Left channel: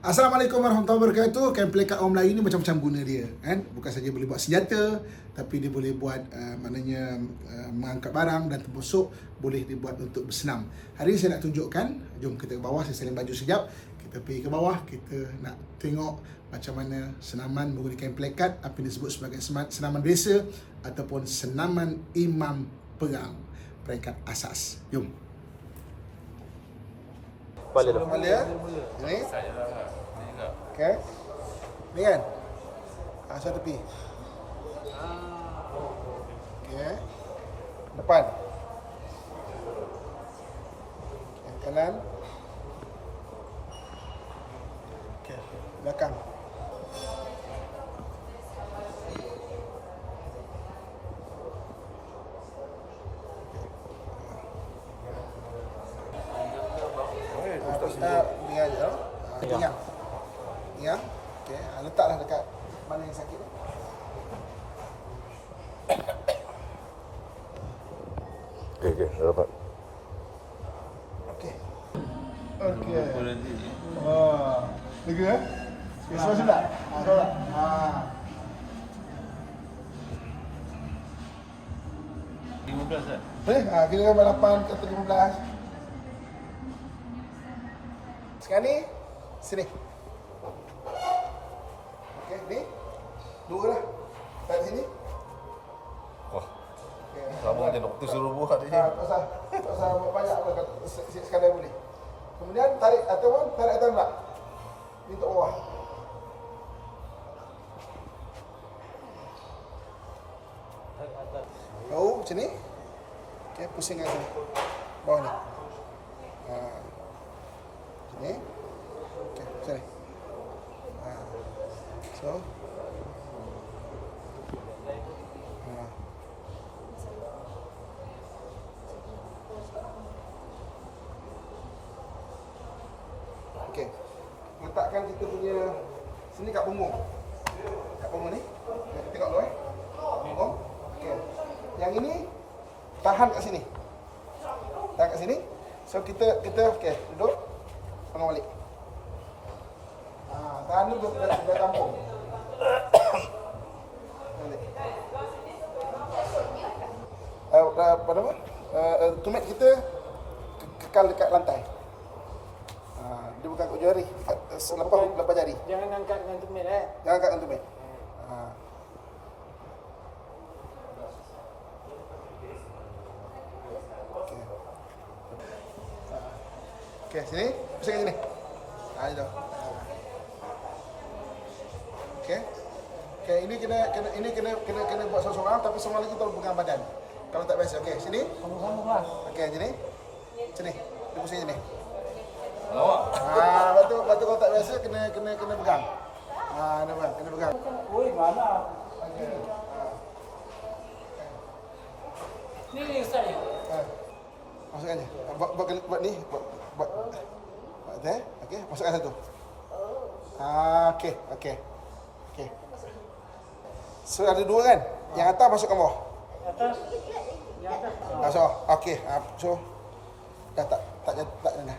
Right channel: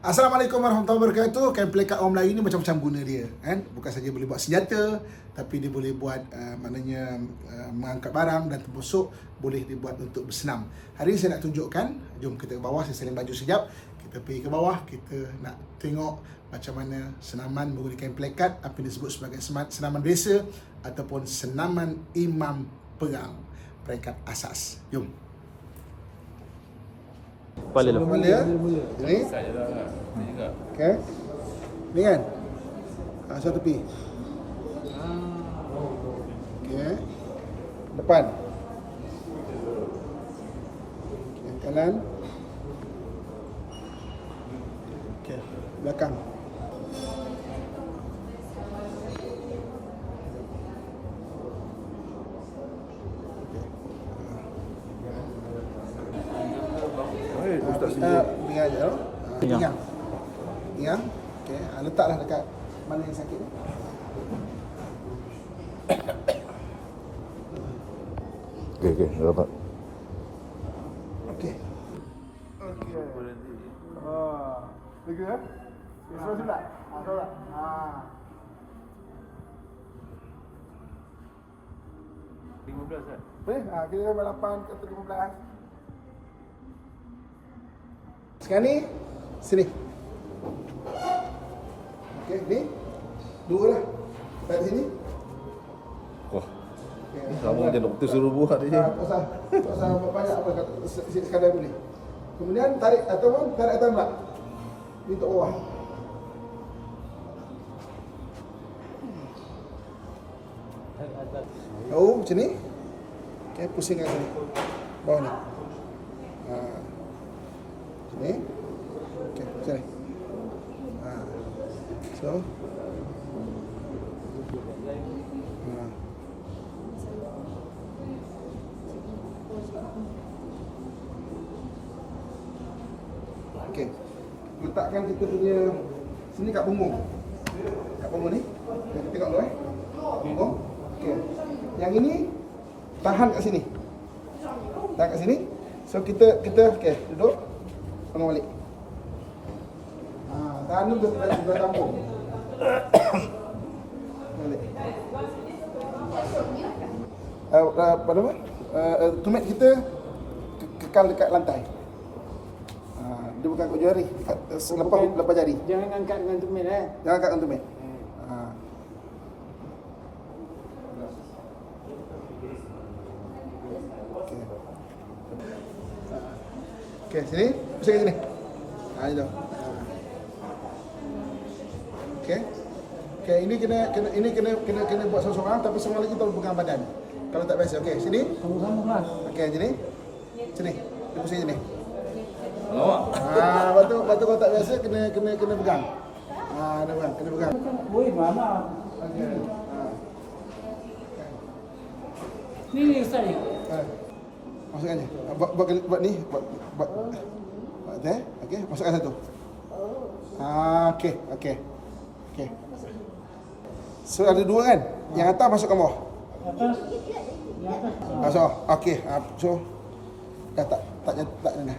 Assalamualaikum warahmatullahi wabarakatuh. Kain pelekat orang Melayu ni macam-macam guna dia, kan? Bukan saja boleh buat senjata, tapi dia boleh buat uh, maknanya uh, mengangkat barang dan terpusuk, boleh dibuat untuk bersenam. Hari ini saya nak tunjukkan, jom kita ke bawah, saya saling baju sekejap. Kita pergi ke bawah, kita nak tengok macam mana senaman menggunakan kain pelekat, apa yang disebut sebagai senaman biasa ataupun senaman imam perang. Peringkat asas. Jom. Kepala ya. Ini. Ni juga. Okay. Ni kan? Ha, satu tepi. Okay. Depan. Okay, kanan. Okay. Belakang. Ustaz Uh, pinggang je tu. Uh, pinggang. Pinggang. Okey, uh, letaklah dekat mana yang sakit ni. Okey, okey, dah dapat. Okey. Okey. Ah, lega eh? Okey, semua sudah. Ah, sudah. Ah. 15 kan? Eh, ah, kira gambar 8 kata 15. Sekarang ni sini. Okey, ni. Dua lah. Di sini. Wah, Okey. sama macam doktor suruh buat ni. Ah, tak usah. Tak usah banyak pun kat se- se- sekadar boleh. Kemudian tarik ataupun tarik atas pula. Ni untuk bawah. Oh, macam ni. Okey, pusing kat sini. Bawah ni. Ha. Ni. Okey, macam ni. Ha. So. Ha. Okey. Letakkan kita punya sini kat punggung. Kat punggung ni. Okay, kita tengok dulu eh. Punggung. Okey. Yang ini tahan kat sini. Tahan kat sini. So kita kita okey, duduk. Pegang balik. Ha, tahan ni ber, ber, bertambung. Pegang balik. Uh, uh, apa nama? Uh, uh, tumit kita ke- kekal dekat lantai. Ah, dia bukan kat jari, dekat eh, selepas lepas jari. Jangan angkat dengan tumit eh. Jangan angkat dengan tumit. Ha. Okey. Okey, sini. Pusing kat sini. Ha, itu. Ha. Okey. Okey, ini kena kena ini kena kena kena buat seorang-seorang tapi seorang lagi tahu pegang badan. Kalau tak biasa. Okey, sini. Sama-sama lah. Okey, sini. Sini. Dia pusing sini. Alamak. Ha, lepas tu, lepas tu kalau tak biasa kena kena kena pegang. Ha, kena pegang, kena pegang. Oi, mana? Okey. Ha. Ni ni Ustaz ni. Ha. Masukkan je. Ha, Buat buat buat ni, buat buat buat tu eh. Okey, masukkan satu. Ha, okey, okey. Okey. So ada dua kan? Yang atas masukkan bawah. Atas. Ha, so, okey. Ha, so dah tak tak tak, tak, tak dah.